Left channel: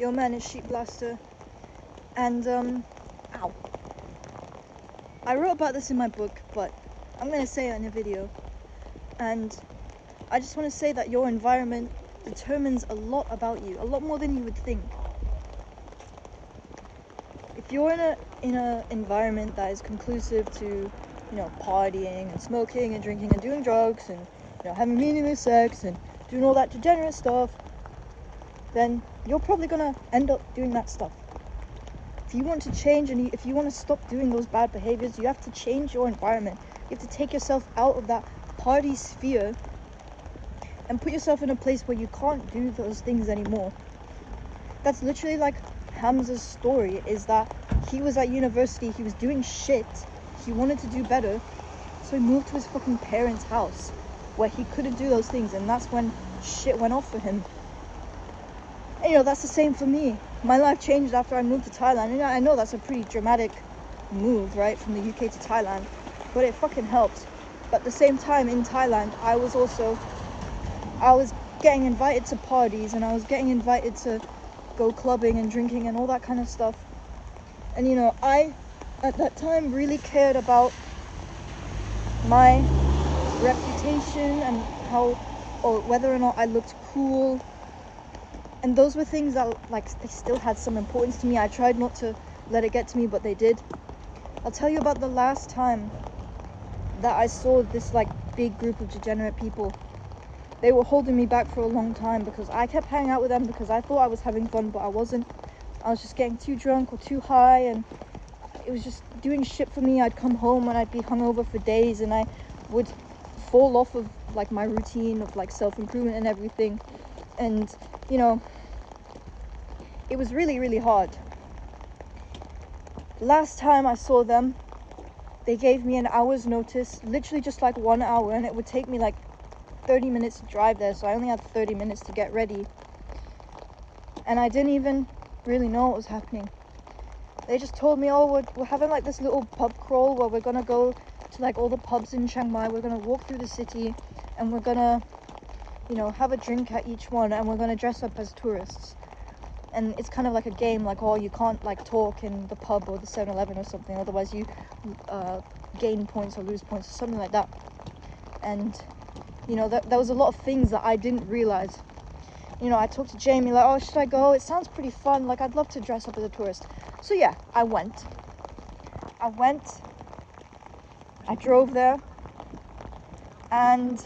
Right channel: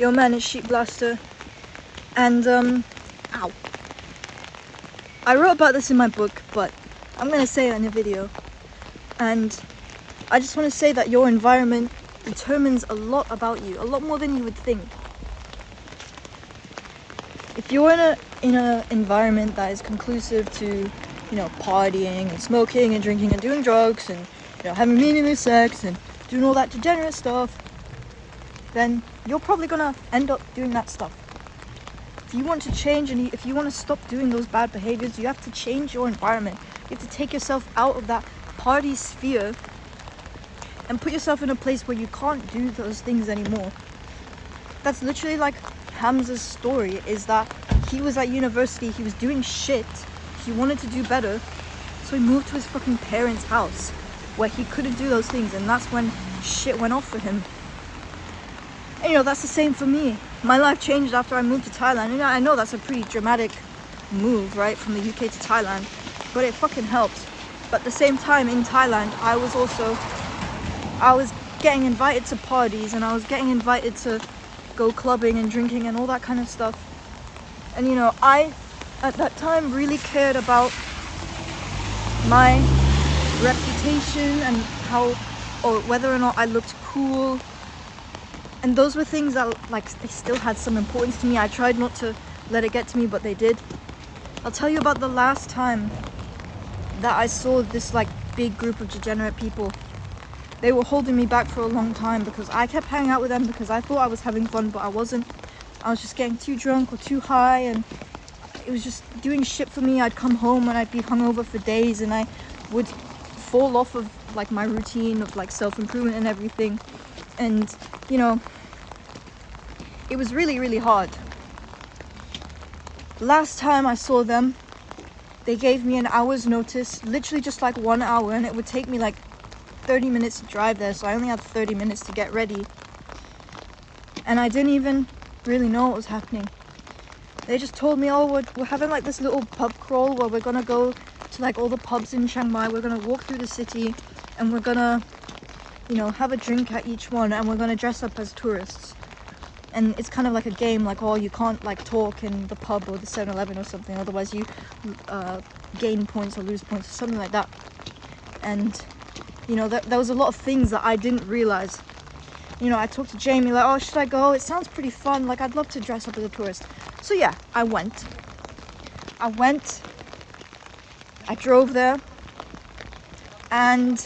Yo man, it's sheepblaster, and ow. I wrote about this in my book, but I'm gonna say it in a video. And I just want to say that your environment determines a lot about you, a lot more than you would think. If you're in a environment that is conclusive to, you know, partying and smoking and drinking and doing drugs and, you know, having meaningless sex and doing all that degenerate stuff, then you're probably gonna end up doing that stuff. If you want to change and if you want to stop doing those bad behaviors, you have to change your environment. You have to take yourself out of that party sphere and put yourself in a place where you can't do those things anymore. That's literally like Hamza's story, is that he was at university, he was doing shit, he wanted to do better, so he moved to his fucking parents' house where he couldn't do those things, and that's when shit went off for him. And you know, that's the same for me. My life changed after I moved to Thailand. And I know that's a pretty dramatic move, right, from the UK to Thailand, but it fucking helps. But at the same time, in Thailand, I was getting invited to parties, and I was getting invited to go clubbing and drinking and all that kind of stuff. And you know, I at that time really cared about my reputation and how, or whether or not I looked cool. And those were things that, like, they still had some importance to me. I tried not to let it get to me, but they did. I'll tell you about the last time that I saw this, like, big group of degenerate people. They were holding me back for a long time because I kept hanging out with them because I thought I was having fun, but I wasn't. I was just getting too drunk or too high, and it was just doing shit for me. I'd come home and I'd be hungover for days, and I would fall off of, like, my routine of, like, self-improvement and everything. And, you know, it was really, really hard. Last time I saw them, they gave me an hour's notice, literally just like 1 hour, and it would take me like 30 minutes to drive there, so I only had 30 minutes to get ready. And I didn't even really know what was happening. They just told me, oh, we're having like this little pub crawl where we're gonna go to like all the pubs in Chiang Mai, we're gonna walk through the city, and we're gonna, you know, have a drink at each one, and we're gonna dress up as tourists. And it's kind of like a game, like, oh, you can't like talk in the pub or the 7-Eleven or something, otherwise you gain points or lose points or something like that. And you know, there was a lot of things that I didn't realize. You know, I talked to Jamie, like, oh, should I go? It sounds pretty fun, like, I'd love to dress up as a tourist. So yeah, I went, I drove there, and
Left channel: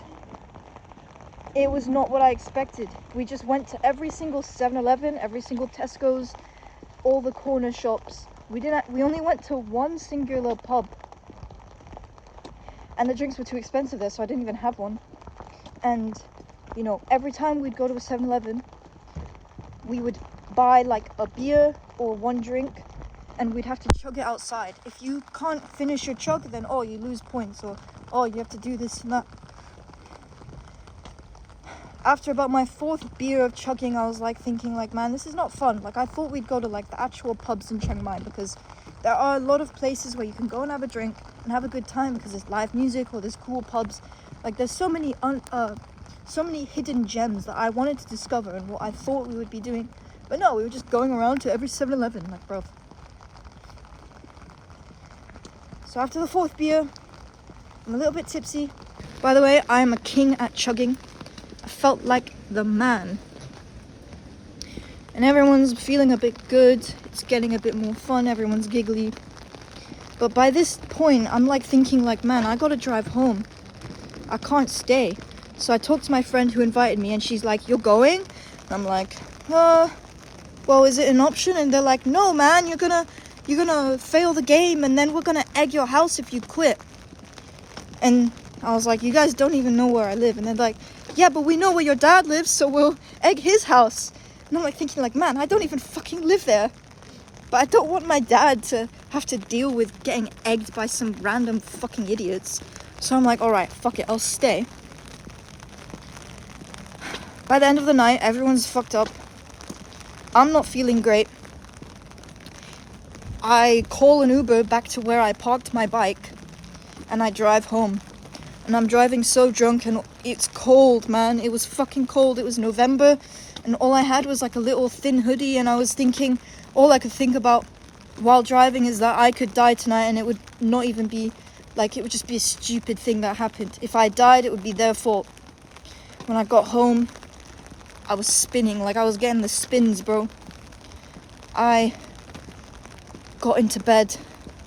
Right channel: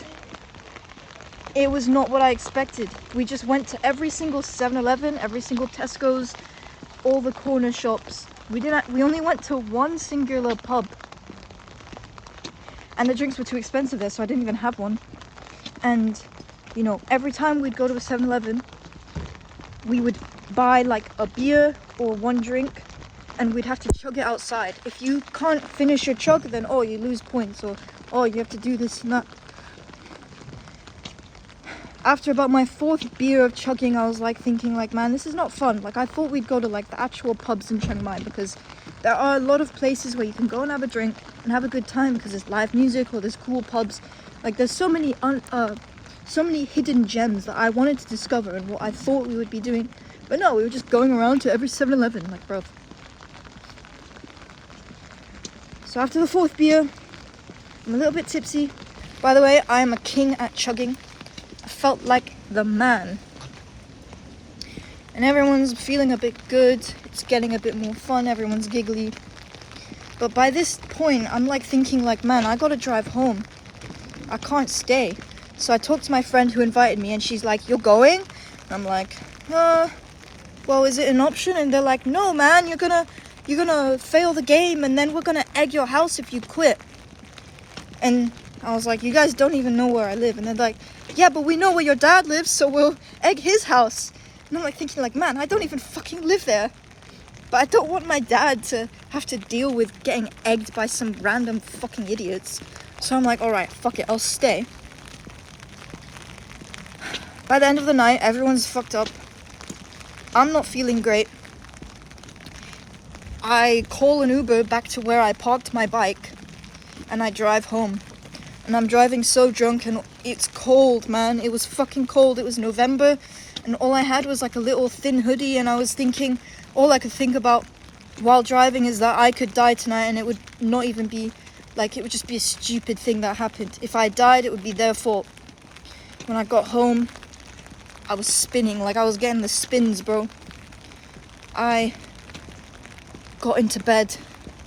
it was not what I expected. We just went to every single 7-Eleven, every single Tesco's, all the corner shops. We only went to one singular pub. And the drinks were too expensive there, so I didn't even have one. And, you know, every time we'd go to a 7-Eleven, we would buy like a beer or one drink, and we'd have to chug it outside. If you can't finish your chug, then, oh, you lose points, or, oh, you have to do this and that. After about my 4th beer of chugging, I was like thinking like, man, this is not fun. Like, I thought we'd go to like the actual pubs in Chiang Mai, because there are a lot of places where you can go and have a drink and have a good time because there's live music or there's cool pubs. Like, there's so many hidden gems that I wanted to discover and what I thought we would be doing. But no, we were just going around to every 7-Eleven, like, bro. So after the 4th beer, I'm a little bit tipsy. By the way, I am a king at chugging. I felt like the man. And everyone's feeling a bit good. It's getting a bit more fun. Everyone's giggly. But by this point, I'm like thinking like, man, I gotta drive home. I can't stay. So I talked to my friend who invited me, and she's like, you're going? And I'm like, well, is it an option? And they're like, no, man, you're gonna fail the game, and then we're gonna egg your house if you quit. And I was like, you guys don't even know where I live. And they're like, yeah, but we know where your dad lives, so we'll egg his house. And I'm like thinking like, man, I don't even fucking live there. But I don't want my dad to have to deal with getting egged by some random fucking idiots. So I'm like, alright, fuck it, I'll stay. By the end of the night, everyone's fucked up. I'm not feeling great. I call an Uber back to where I parked my bike, and I drive home. And I'm driving so drunk, and it's cold, man. It was fucking cold. It was November, and all I had was like a little thin hoodie, and I was thinking, all I could think about while driving is that I could die tonight, and it would not even be like, it would just be a stupid thing that happened. If I died, it would be their fault. When I got home, I was spinning, like I was getting the spins, bro. I got into bed.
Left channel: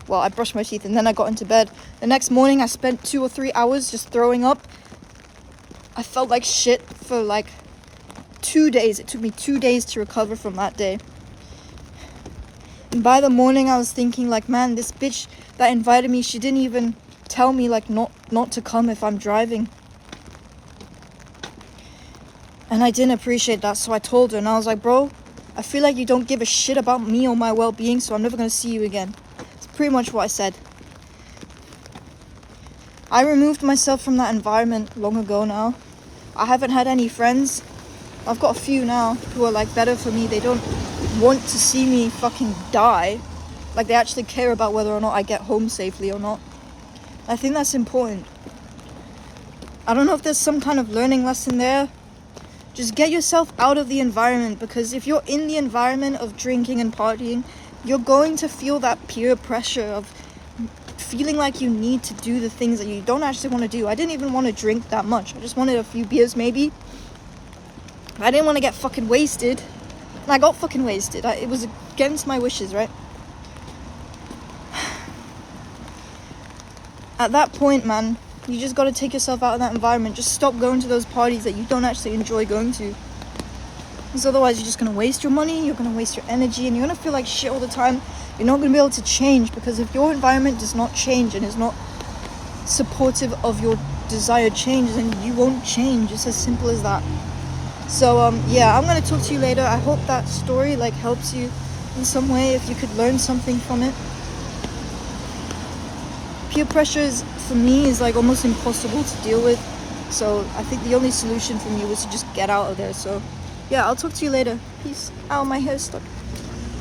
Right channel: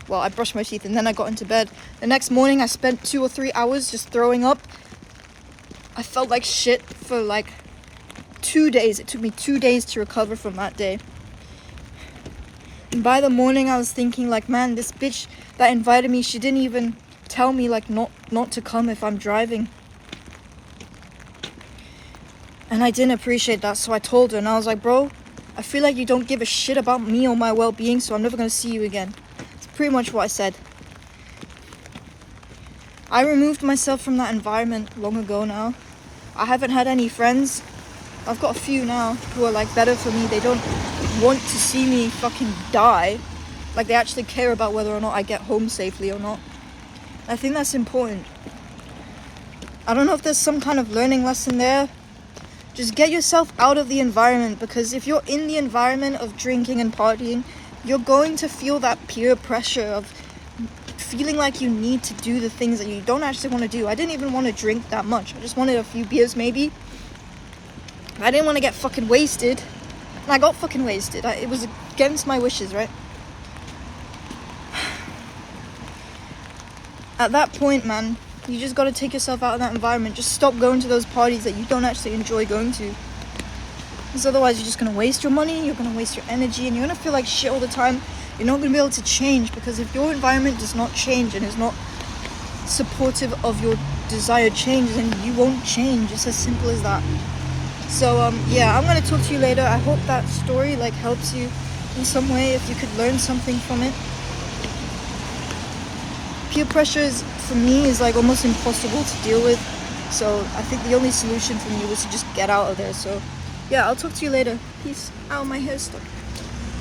Well, I brushed my teeth and then I got into bed. The next morning, I spent 2 or 3 hours just throwing up. I felt like shit for like 2 days. It took me 2 days to recover from that day. And by the morning, I was thinking like, man, this bitch that invited me, she didn't even tell me like not to come if I'm driving. And I didn't appreciate that, so I told her, and I was like, bro, I feel like you don't give a shit about me or my well-being, so I'm never going to see you again. It's pretty much what I said. I removed myself from that environment long ago now. I haven't had any friends. I've got a few now who are like better for me. They don't want to see me fucking die. Like, they actually care about whether or not I get home safely or not. I think that's important. I don't know if there's some kind of learning lesson there. Just get yourself out of the environment, because if you're in the environment of drinking and partying, you're going to feel that peer pressure of feeling like you need to do the things that you don't actually want to do. I didn't even want to drink that much. I just wanted a few beers maybe. I didn't want to get fucking wasted. And I got fucking wasted. It was against my wishes, right? At that point, man, you just got to take yourself out of that environment. Just stop going to those parties that you don't actually enjoy going to. Because otherwise you're just going to waste your money, you're going to waste your energy, and you're going to feel like shit all the time. You're not going to be able to change, because if your environment does not change and is not supportive of your desired change, then you won't change. It's as simple as that. So, yeah, I'm going to talk to you later. I hope that story, like, helps you in some way, if you could learn something from it. Peer pressure for me is like almost impossible to deal with, so I think the only solution for me was to just get out of there. So yeah, I'll talk to you later. Peace out. My hair's stuck.